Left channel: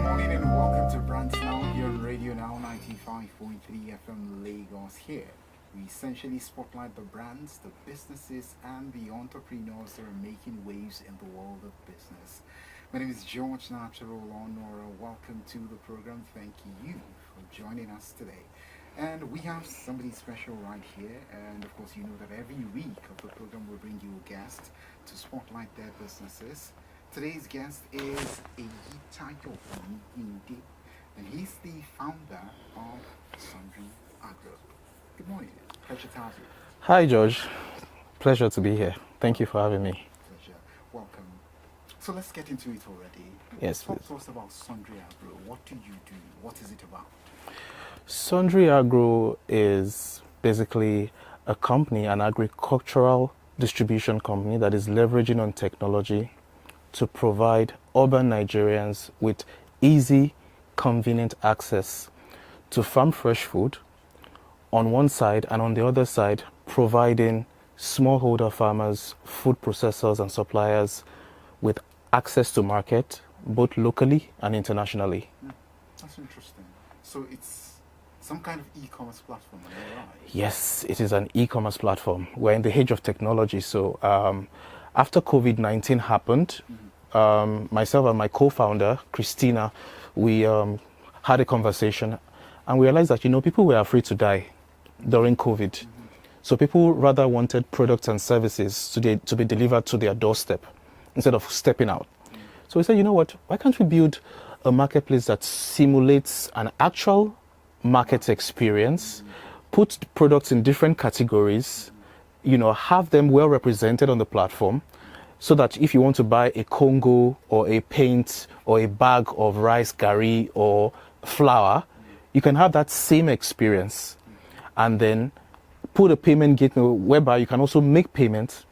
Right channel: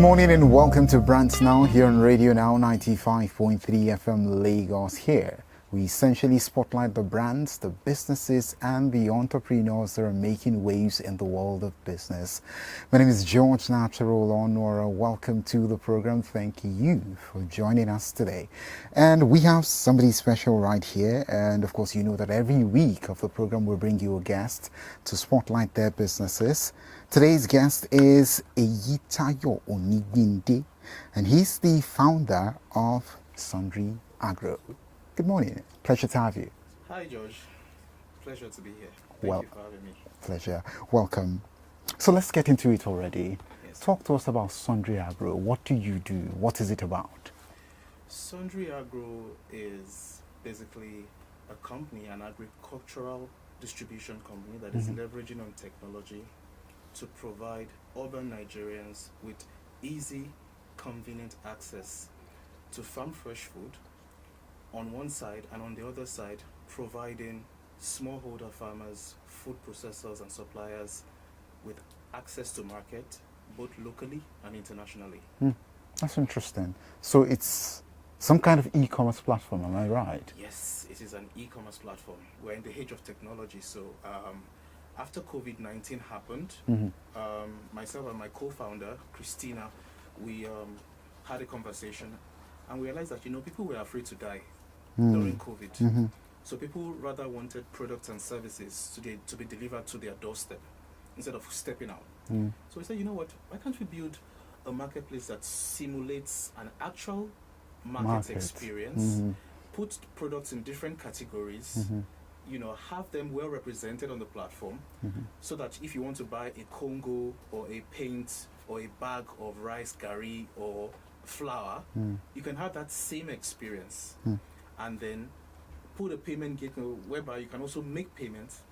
morning and welcome to BrandsNow here on Radionow 95.3 FM Lagos. Here we essentially spotlight the brands, the businesses and the entrepreneurs that are making waves in the world of business. My name is George Napsarol Onora. Welcome to the program. Thank you for joining us today. And we have somebody special right here, and of course you know that every week of the program we'll bring you a guest to spotlight their businesses. Today's guest is Eyitayo Onigbinde, and he's the founder of Sundry Agro. Good morning. Pleasure to have you. Hi, George. Pleasure to be here. Thank you for having me. Pleasure. Welcome. So let's get into it already. Yes. Talk to us about Sundry Agro. What do you do? What is it about? Sundry Agro is basically a company, an agricultural distribution company that is leveraging on technology to provide urban Nigerians with easy, convenient access to farm fresh food on one side, and on the other side, providing smallholder farmers, food processors and suppliers with access to market, both locally and internationally. That's interesting. So it's some kind of e-commerce platform, am I right? Yes, it is an e-commerce platform. We're in the age of technology, so after COVID-19 happened, myself and my co-founder, Christina, we had a conversation and we realized that, people were afraid to die during COVID. So people rather wanted products and services to be delivered to their doorstep instead of stepping out. So we said, you know what, why can't we build a marketplace that simulates an actual market experience, put products in different categories, have them well represented on the platform, so that if you want to buy a Congo or a paint or a bag of rice, gari or flour, you can have that same experience, and then put a payment gateway whereby you can also make payments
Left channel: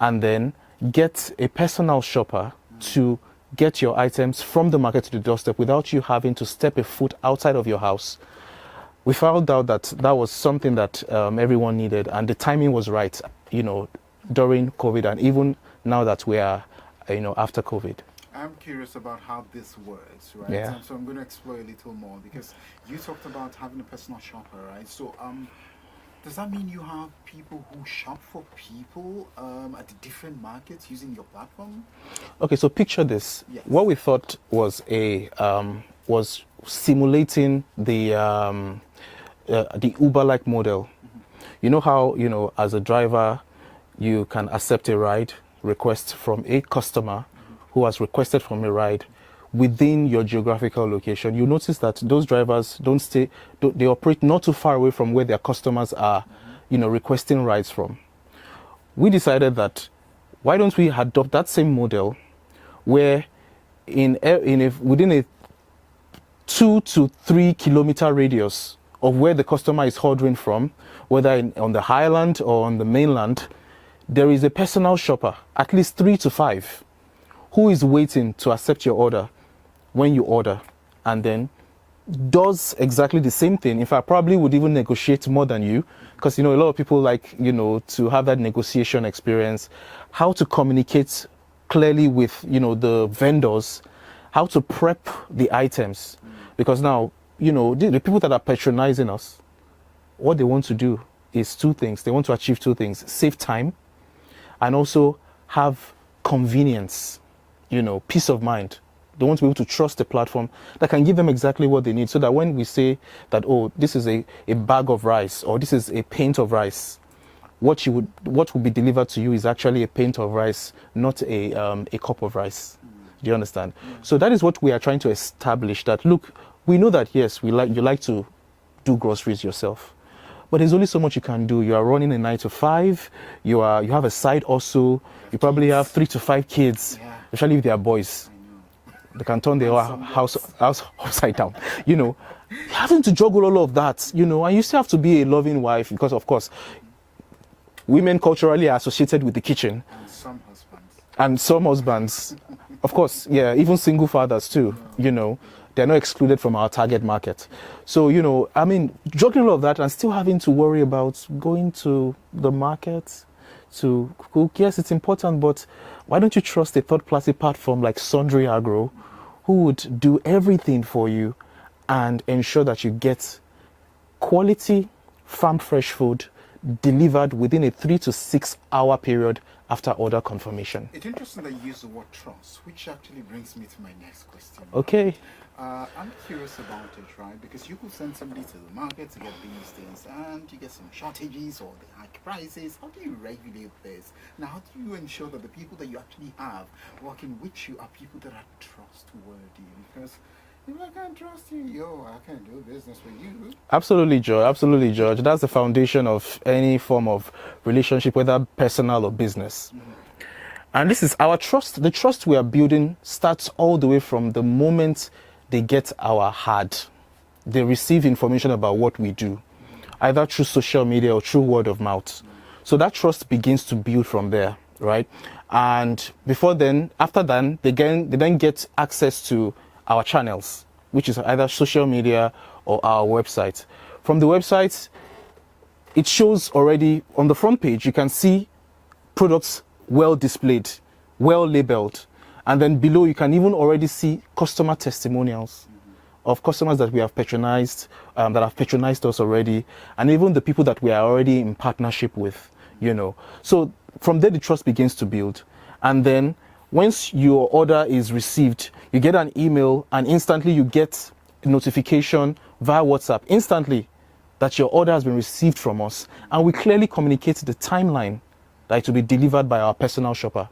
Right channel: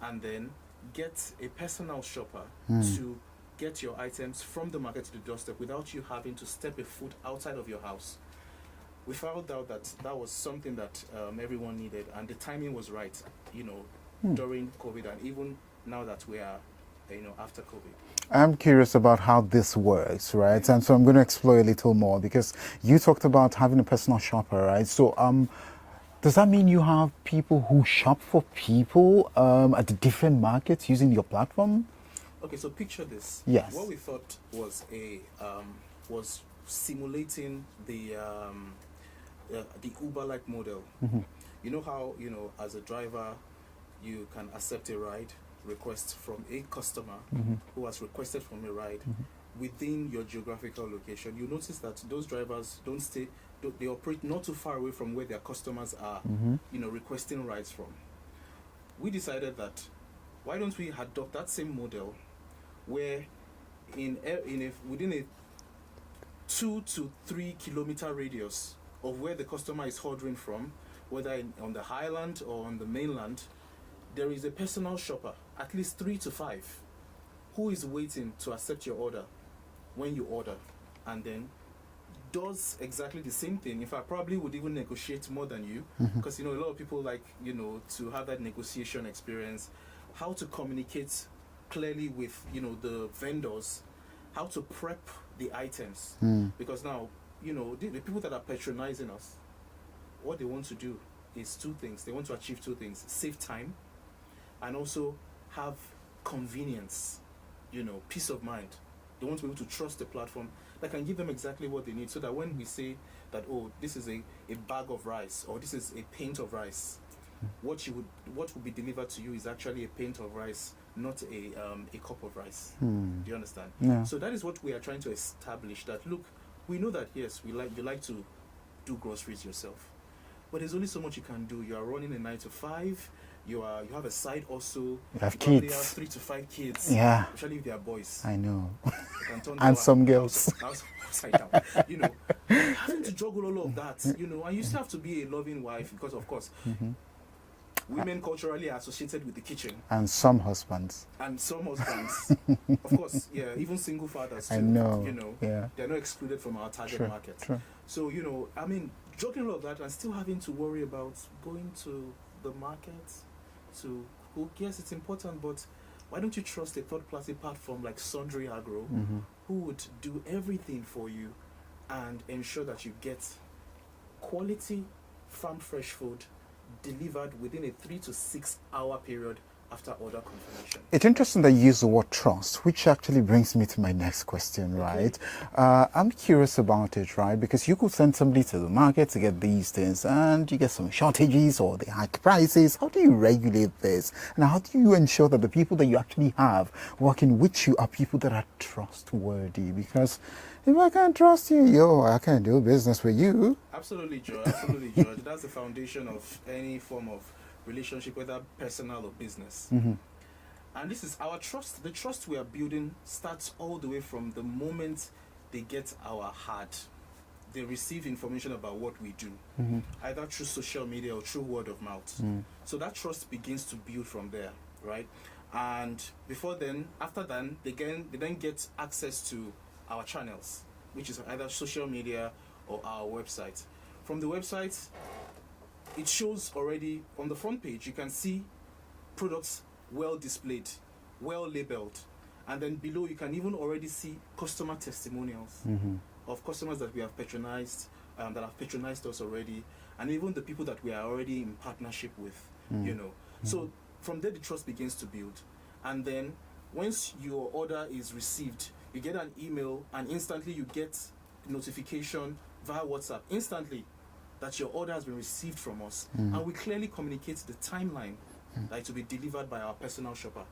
and then get a personal shopper to get your items from the market to the doorstep without you having to step a foot outside of your house. We found out that that was something that everyone needed, and the timing was right, during COVID, and even now that we are, after COVID. I'm curious about how this works, right? Yeah. And so I'm going to explore a little more, because you talked about having a personal shopper, right? So does that mean you have people who shop for people at the different markets using your platform? Okay, so picture this. Yes. What we thought was was simulating the Uber-like model. You know how, as a driver, you can accept a ride request from a customer who has requested from a ride within your geographical location. You notice that those drivers they operate not too far away from where their customers are, requesting rides from. We decided that why don't we adopt that same model where within a 2 to 3 kilometer radius of where the customer is ordering from, whether on the highland or on the mainland, there is a personal shopper, at least 3 to 5, who is waiting to accept your order when you order, and then does exactly the same thing. In fact, probably would even negotiate more than you, because a lot of people like to have that negotiation experience, how to communicate clearly with the vendors, how to prep the items, because now the people that are patronizing us, what they want to do is two things. They want to achieve two things: save time, and also have convenience, peace of mind. They want to be able to trust a platform that can give them exactly what they need, so that when we say that, oh, this is a bag of rice or this is a pint of rice, what will be delivered to you is actually a pint of rice, not a cup of rice. Do you understand? Yeah. So that is what we are trying to establish, that look, we know that yes, you like to do groceries yourself, but there's only so much you can do. You are running a 9 to 5. You have a side also. You probably have 3 to 5 kids. Yeah. Especially if they are boys. I know. They can turn their house upside down. Having to juggle all of that. And you still have to be a loving wife, because of course, women culturally are associated with the kitchen. And some husbands. Of course, yeah, even single fathers too. They're not excluded from our target market. True. So, juggling all of that and still having to worry about going to the market to cook. Yes, it's important, but why don't you trust a third-party platform like Sundry Agro, who would do everything for you and ensure that you get quality farm fresh food delivered within a 3 to 6 hour period after order confirmation. It's interesting that you use the word trust, which actually brings me to my next question. Okay. Right? I'm curious about it, right? Because you could send somebody to the market to get these things and you get some shortages or they hike prices. How do you regulate this? And how do you ensure that the people that you actually have working with you are people that are trustworthy? Because if I can't trust you, I can't do business with you. Absolutely, George. Absolutely, George. That's the foundation of any form of relationship, whether personal or business. And this is our trust. The trust we are building starts all the way from the moment they get our ad. They receive information about what we do, either through social media or through word of mouth. So that trust begins to build from there, right? And before then, after then, they then get access to our channels, which is either social media or our website. From the website, it shows already on the front page, you can see products well displayed, well labeled. And then below, you can even already see customer testimonials of customers that we have patronized, that have patronized us already, and even the people that we are already in partnership with, you know. So from there, the trust begins to build. And then once your order is received, you get an email and instantly you get a notification via WhatsApp instantly that your order has been received from us. And we clearly communicate the timeline that it will be delivered by our personal shopper.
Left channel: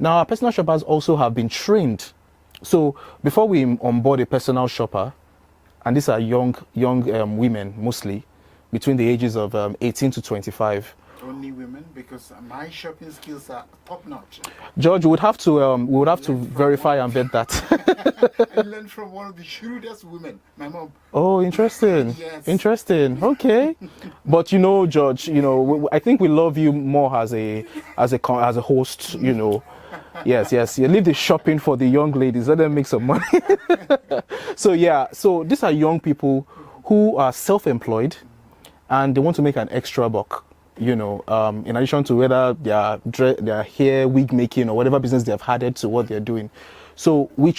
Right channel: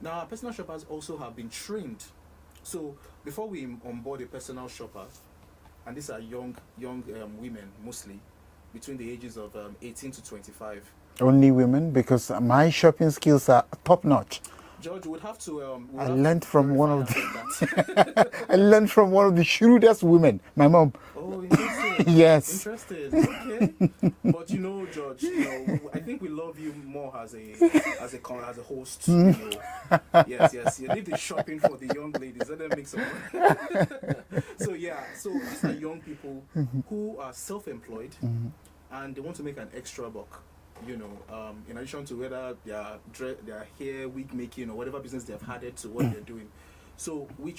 Now, our personal shoppers also have been trained. So before we onboard a personal shopper, and these are young women mostly, between the ages of 18 to 25. Only women? Because my shopping skills are top notch. George, we would have to verify and vet that. I learned from one of the shrewdest women, my mom. Oh, interesting. Yes. Interesting. Okay. But you know, George, you know, I think we love you more as a host, you know. Yes. You leave the shopping for the young ladies. Let them make some money. So yeah, so these are young people who are self-employed and they want to make an extra buck. You know, in addition to whether their hair, wig making, or whatever business they have added to what they're doing. So we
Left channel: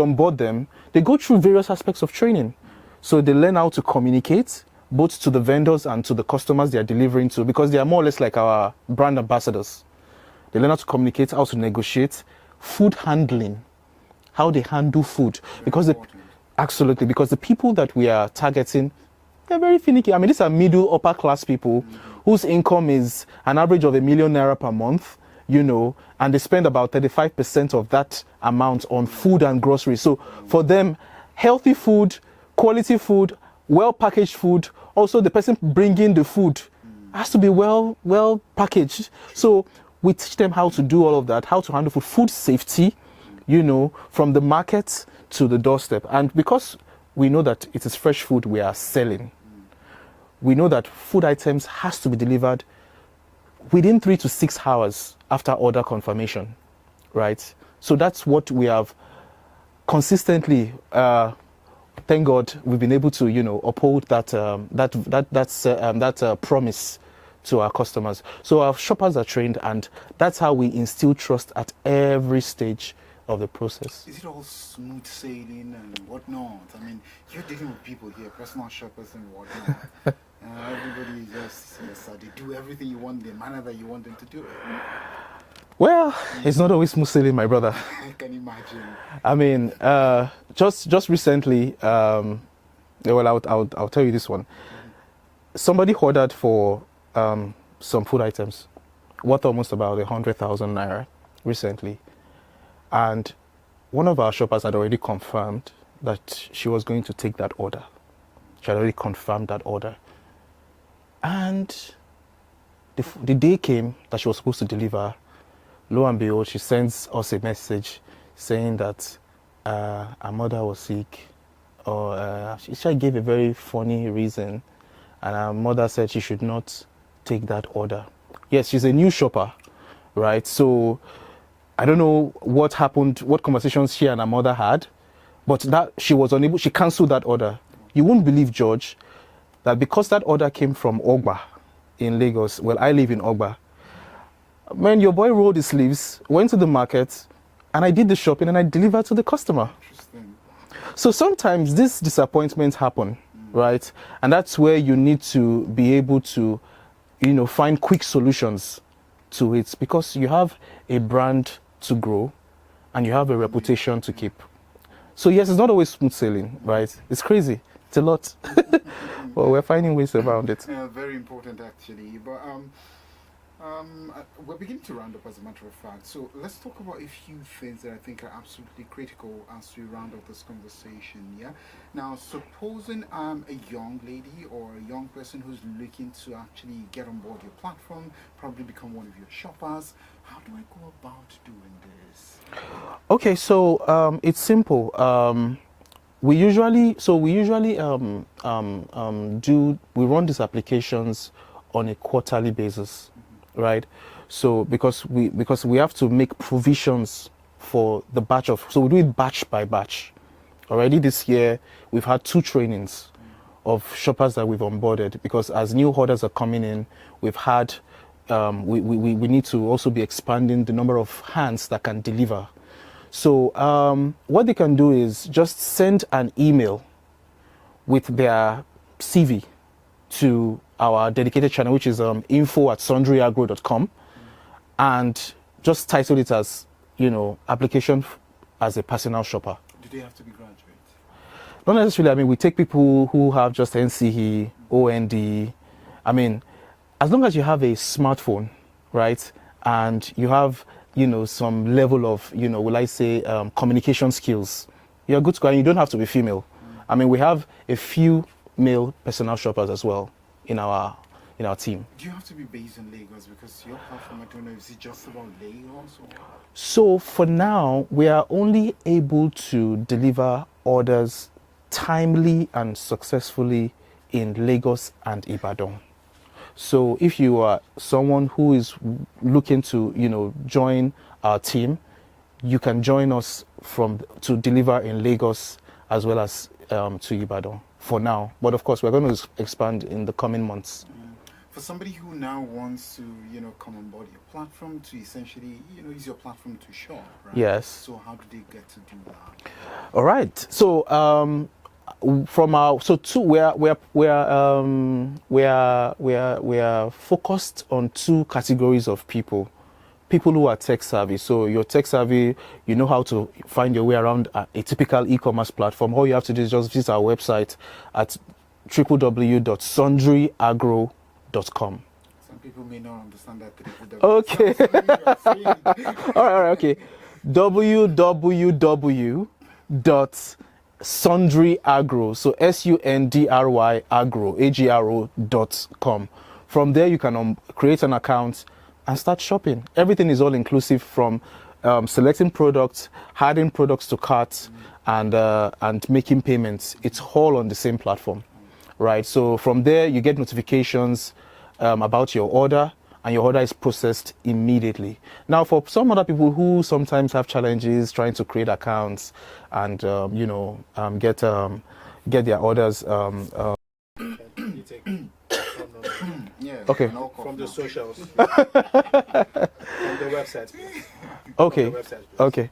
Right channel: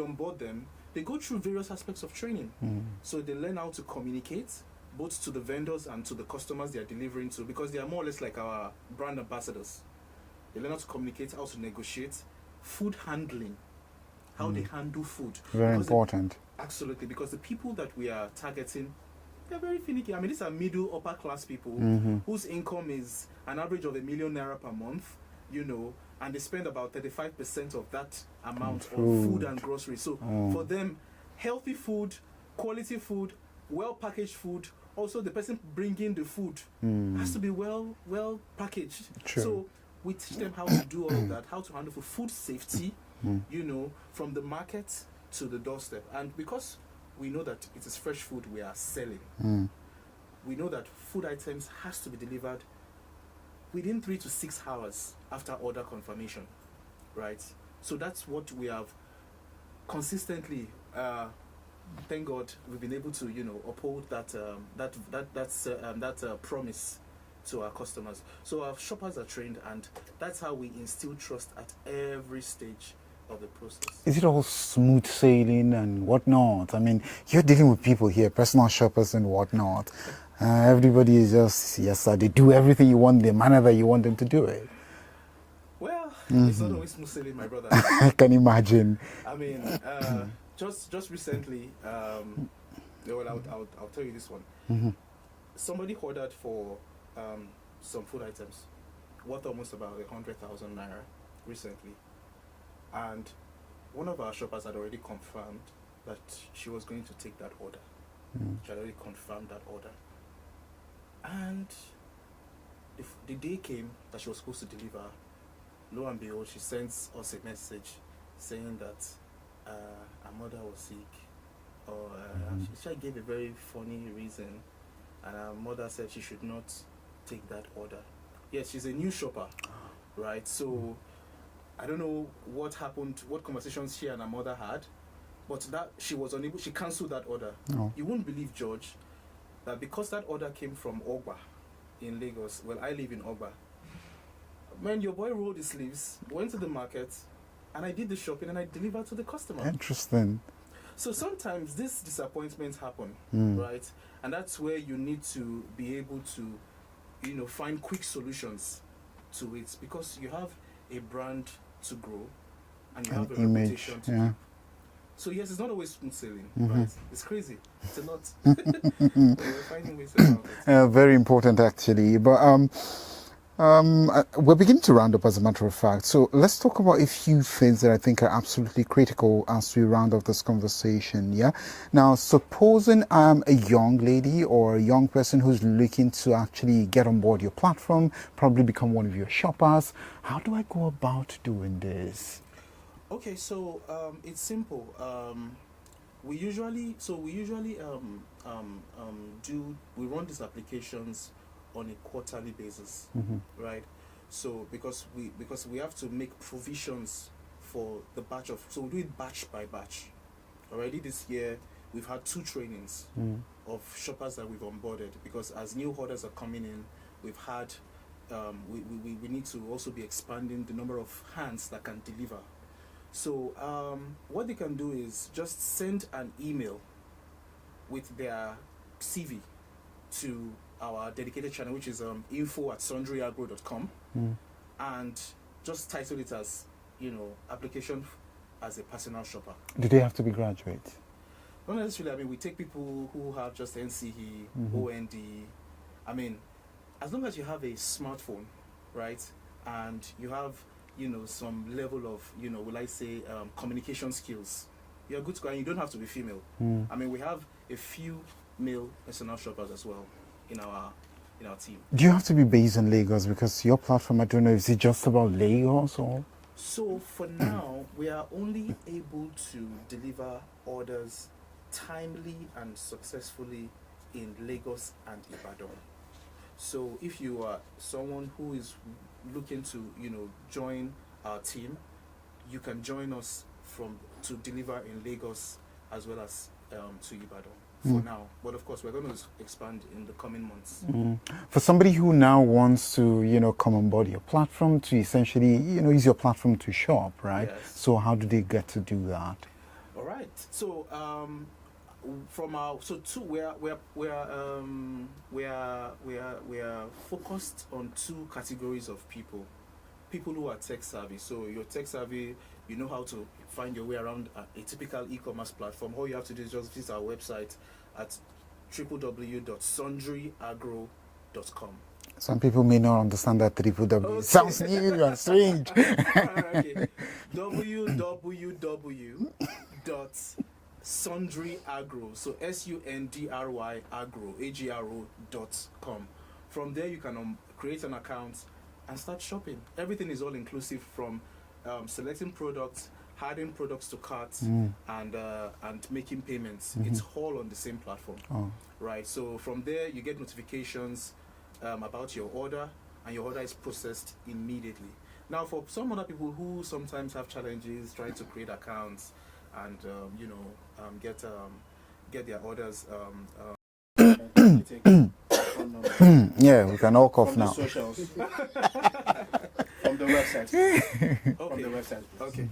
onboard them. They go through various aspects of training. So they learn how to communicate, both to the vendors and to the customers they are delivering to, because they are more or less like our brand ambassadors. They learn how to communicate, how to negotiate, food handling, how they handle food. Very important. Absolutely, because the people that we are targeting, they're very finicky. I mean, these are middle, upper class people whose income is an average of ₦1 million per month, you know, and they spend about 35% of that amount on food and groceries. So for them, healthy food, quality food, well-packaged food, also the person bringing the food has to be well packaged. True. So we teach them how to do all of that, how to handle food safety, you know, from the market to the doorstep. And because we know that it is fresh food we are selling. We know that food items has to be delivered within 3 to 6 hours after order confirmation, right? So that's what we have consistently, thank God, we've been able to, you know, uphold that promise to our customers. So our shoppers are trained, and that's how we instill trust at every stage of the process. Is it all smooth sailing and whatnot? I mean, you're dealing with people here, personal shoppers and whatnot. Everybody is just, yes sir, they do everything you want, the manner that you want them to do it. Well, it's not always smooth sailing, my brother. I can imagine. I mean, just recently, well, I'll tell you this one. Somebody ordered for some food items worth almost about 100,000 naira recently. And one of our shoppers had already confirmed that she was going to take that order. She had already confirmed that order. And the day came that she was supposed to deliver. Lo and behold, she sends us a message saying that her mother was sick. Or she gave a very funny reason. And her mother said she should not take that order. Yes, she's a new shopper, right? So I don't know what happened, what conversations she and her mother had, but that she was unable, she cancelled that order. Oh. You won't believe, George, that because that order came from Ogba in Lagos, well, I live in Ogba. When your boy rolled his sleeves, went to the market, and I did the shopping and I delivered to the customer. Interesting. So sometimes these disappointments happen, right? And that's where you need to be able to, find quick solutions to it, because you have a brand to grow and you have a reputation to keep. So yes, it's not always smooth sailing, right? It's crazy. It's a lot. But we're finding ways around it. Very important, actually. But we're beginning to round up, as a matter of fact. So let's talk about a few things that I think are absolutely critical as we round up this conversation. Yeah. Now, supposing I'm a young lady or a young person who's looking to actually get on board your platform, probably become one of your shoppers, how do I go about doing this? Okay, so it's simple. We usually run these applications on a quarterly basis, right? So because we have to make provisions for the batch of, so we do it batch by batch. Already this year we've had 2 trainings of shoppers that we've onboarded, because as new orders are coming in, we've had we need to also be expanding the number of hands that can deliver. So what they can do is just send an email with their CV to our dedicated channel, which is info@sundryagro.com, and just title it as, application as a personal shopper. Do they have to be graduates? Not necessarily. I mean, we take people who have just NCE, OND. I mean, as long as you have a smartphone, right, and you have, some level of, will I say, communication skills, you're good to go, and you don't have to be female. I mean, we have a few male personal shoppers as well in our team. Do you have to be based in Lagos? Because your platform, I don't know, is it just about Lagos or? So for now, we are only able to deliver orders timely and successfully in Lagos and Ibadan. So if you are someone who is looking to, join our team, you can join us to deliver in Lagos as well as to Ibadan for now. But of course, we're going to expand in the coming months. For somebody who now wants to, come on board your platform to essentially, use your platform to shop, right? Yes. So how do they get to do that? All right. So we are focused on 2 categories of people. People who are tech savvy. So you're tech savvy, you know how to find your way around a typical e-commerce platform. All you have to do is just visit our website at www.sundryagro.com. Some people may not understand that www. Okay. Sounds new and strange. All right, okay. www.sundryagro, so SUNDRY agro.com. From there, you can create an account and start shopping. Everything is all inclusive, from selecting products, adding products to carts, and making payments. It's all on the same platform, right? So from there, you get notifications about your order, and your order is processed immediately. Now, for some other people who sometimes have challenges trying to create accounts and get their orders. Yeah, we can all cough now. Socials. From the website. Okay. Okay.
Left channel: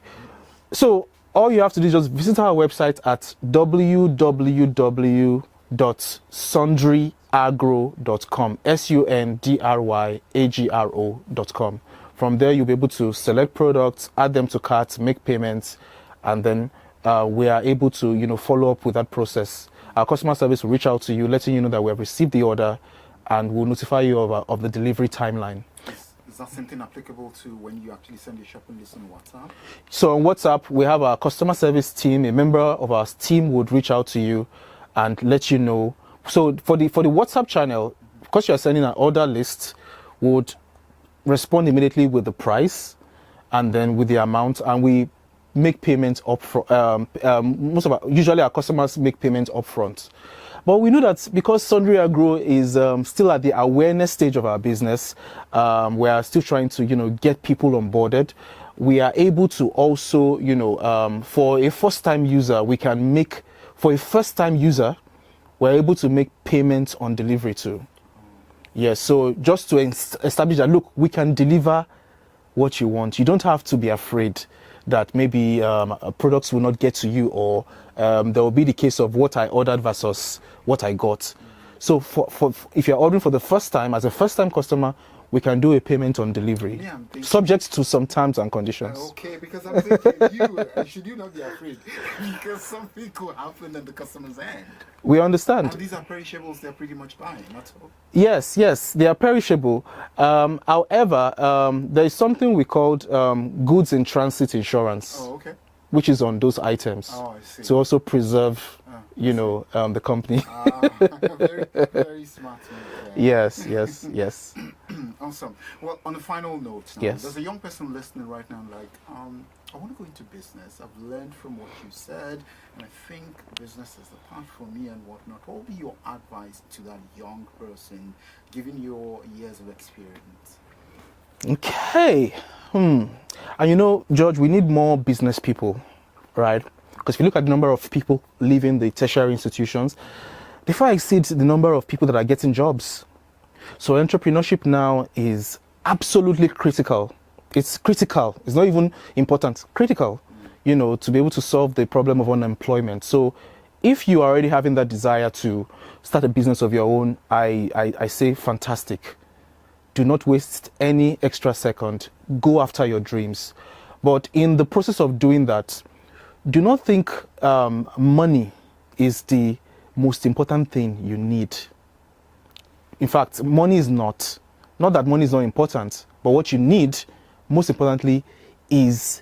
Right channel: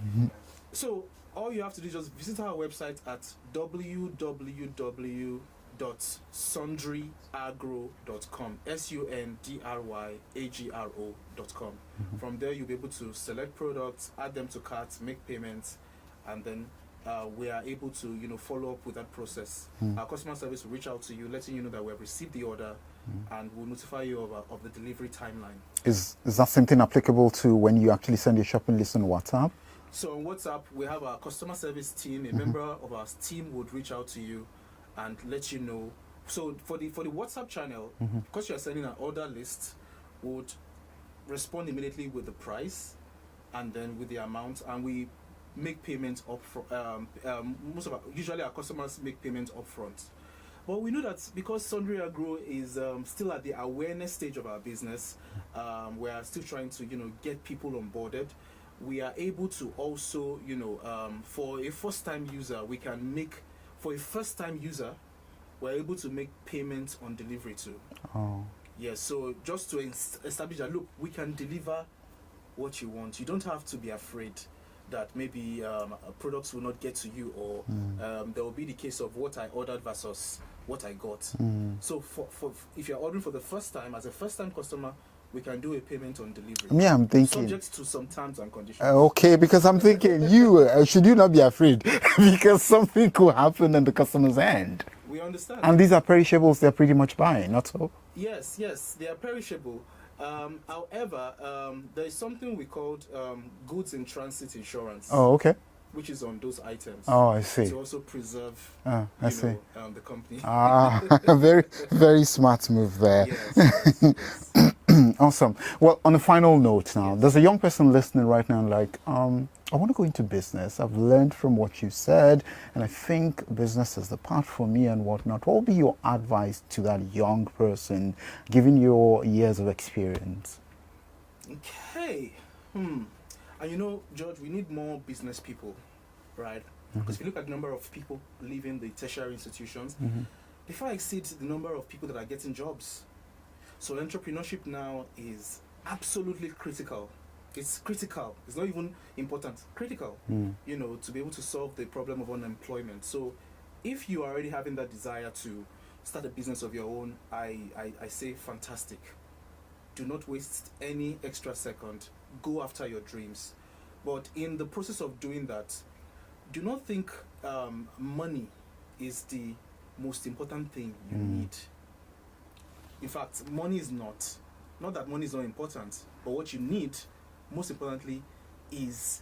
So all you have to do is just visit our website at www.sundryagro.com, SUNDRYAGRO.com. From there, you'll be able to select products, add them to carts, make payments, and then we are able to, follow up with that process. Our customer service will reach out to you, letting you know that we have received the order, and we'll notify you of the delivery timeline. Is that something applicable to when you actually send your shopping list on WhatsApp? So on WhatsApp, we have our customer service team. A member of our team would reach out to you and let you know. So for the WhatsApp channel, because you're sending an order list, would respond immediately with the price and then with the amount, and we make payments up front. Usually our customers make payments up front. But we know that because Sundry Agro is still at the awareness stage of our business, we are still trying to, get people onboarded. We are able to also, for a first-time user, we're able to make payments on delivery too. Yes, so just to establish that, look, we can deliver what you want. You don't have to be afraid that maybe products will not get to you, or there will be the case of what I ordered versus what I got. So for if you're ordering for the first time, as a first-time customer, we can do a payment on delivery. Yeah, I'm thinking, subject to some terms and conditions. Okay, because I'm thinking should you not be afraid because something could happen on the customer's end. We understand. And these are perishables they're pretty much buying, not so? Yes, they are perishable. However, there is something we called goods in transit insurance. Oh, okay. Which is on those items. Oh, I see. To also preserve, the company. Very, very smart move there. Yes. Awesome. Well, on a final note now, Yes. there's a young person listening right now like, I want to go into business. I've learned from what you said, and I think business is the path for me and whatnot. What will be your advice to that young person, given your years of experience? Okay. And George, we need more business people, right? Because if you look at the number of people leaving the tertiary institutions, they far exceed the number of people that are getting jobs. So entrepreneurship now is absolutely critical. It's critical. It's not even important. Critical, to be able to solve the problem of unemployment. So if you are already having that desire to start a business of your own, I say fantastic. Do not waste any extra second. Go after your dreams. But in the process of doing that, do not think money is the most important thing you need. In fact, money is not. Not that money is not important, but what you need, most importantly, is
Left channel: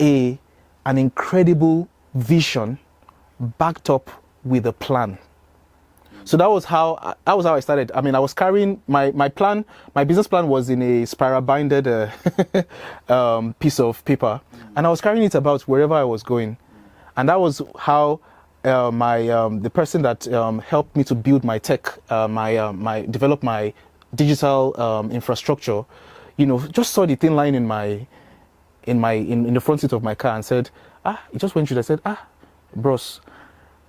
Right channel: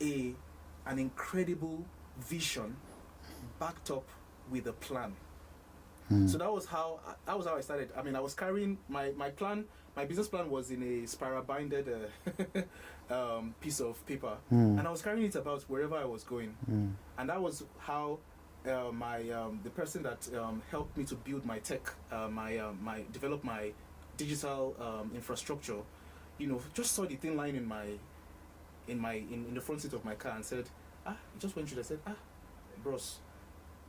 an incredible vision backed up with a plan. So that was how I started. I mean, I was carrying my plan. My business plan was in a spiral binded piece of paper, and I was carrying it about wherever I was going. And that was how the person that helped me to build my tech, develop my digital infrastructure, just saw the thin line in the front seat of my car and said, he just went through and said, bros,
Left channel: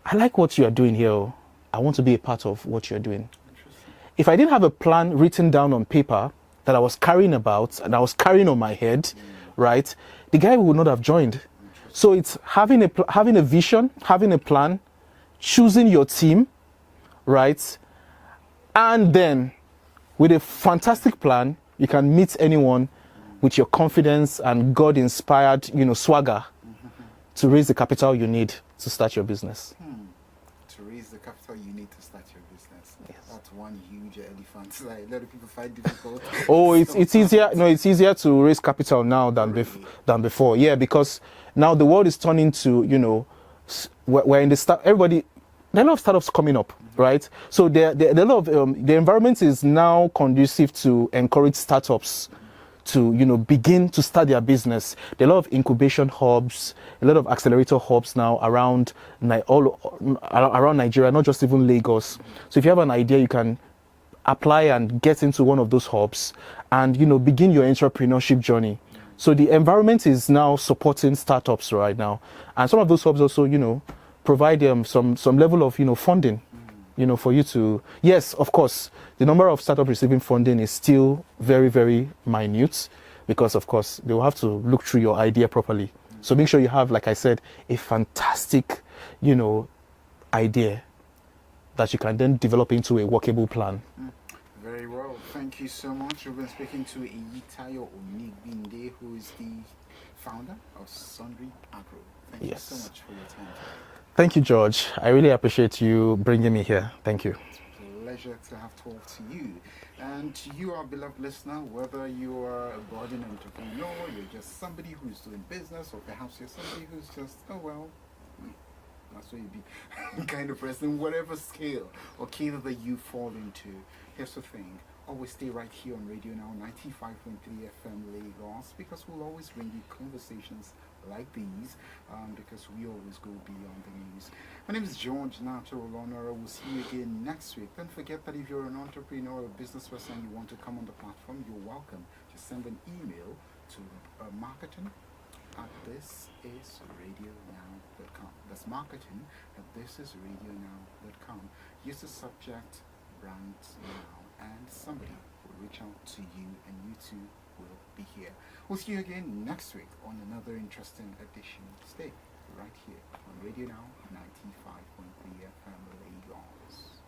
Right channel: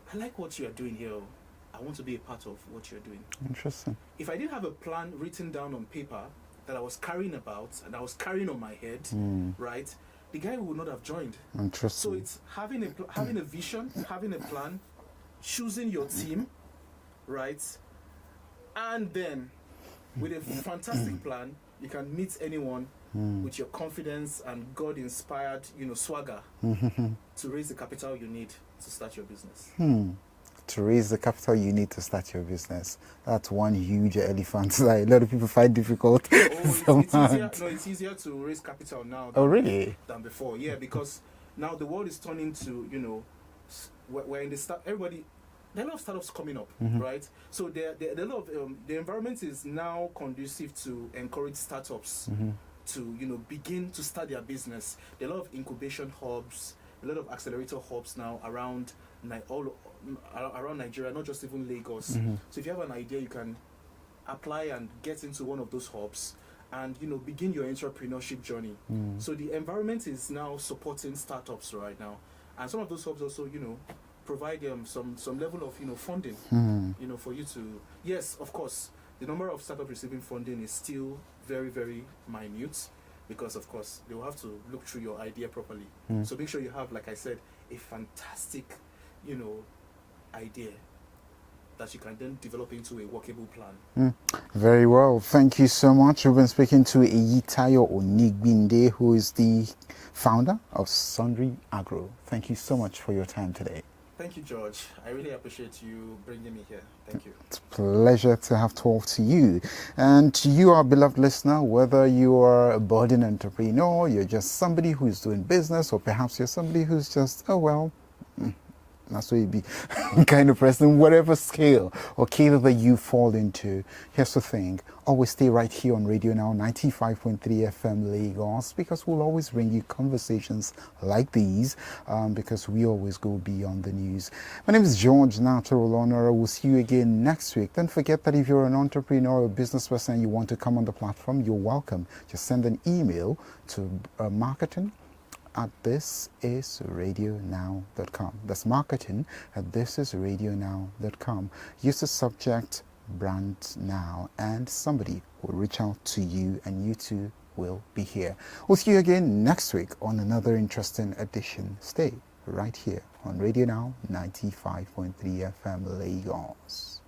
I like what you are doing here. I want to be a part of what you're doing. Interesting. If I didn't have a plan written down on paper that I was carrying about and I was carrying on my head, right, the guy would not have joined. Interesting. So it's having a vision, having a plan, choosing your team, right, and then with a fantastic plan, you can meet anyone with your confidence and God-inspired, swagger to raise the capital you need to start your business. To raise the capital you need to start your business. That's one huge elephant that a lot of people find difficult. Oh, it's easier. No, it's easier to raise capital now than than before. Yeah, because now the world is turning to we're in the start. Everybody, there are a lot of startups coming up, right? So there are a lot of the environment is now conducive to encourage startups to begin to start their business. There are a lot of incubation hubs, a lot of accelerator hubs now around around Nigeria, not just even Lagos. So if you have an idea, you can apply and get into one of those hubs and begin your entrepreneurship journey. So the environment is now supporting startups right now, and some of those hubs also provide some level of funding for you to. Yes, of course, the number of startups receiving funding is still very, very minute, because of course they will have to look through your idea properly. So make sure you have, like I said, a fantastic idea that you can then develop into a workable plan. Very well. Thank you so much. We've been speaking to Eyitayo Onigbinde, who is the founder of Sundry Agro. Thank you so much for your time today. Thank you, George. I really appreciate you bringing me here. Thank you. It's a pleasure to have talked to you. And to you, our beloved listener, whether you are a budding entrepreneur, you're just somebody who's doing business, or perhaps you're somebody who's just, that's what you be kind of person, whatever scale or cadre that you fall into. Here's the thing. Always stay right here on Radionow 95.3 FM Lagos, because we'll always bring you conversations like these, because we always go beyond the news. My name is George Natural Honor. We'll see you again next week. Don't forget that if you're an entrepreneur or a business person and you want to come on the platform, you're welcome. Just send an email to marketing@thisisradionow.com. That's marketing@thisisradionow.com. Use the subject BrandsNow, and somebody will reach out to you, and you two will be here. We'll see you again next week on another interesting edition. Stay right here on Radio Now 95.3 FM Lagos.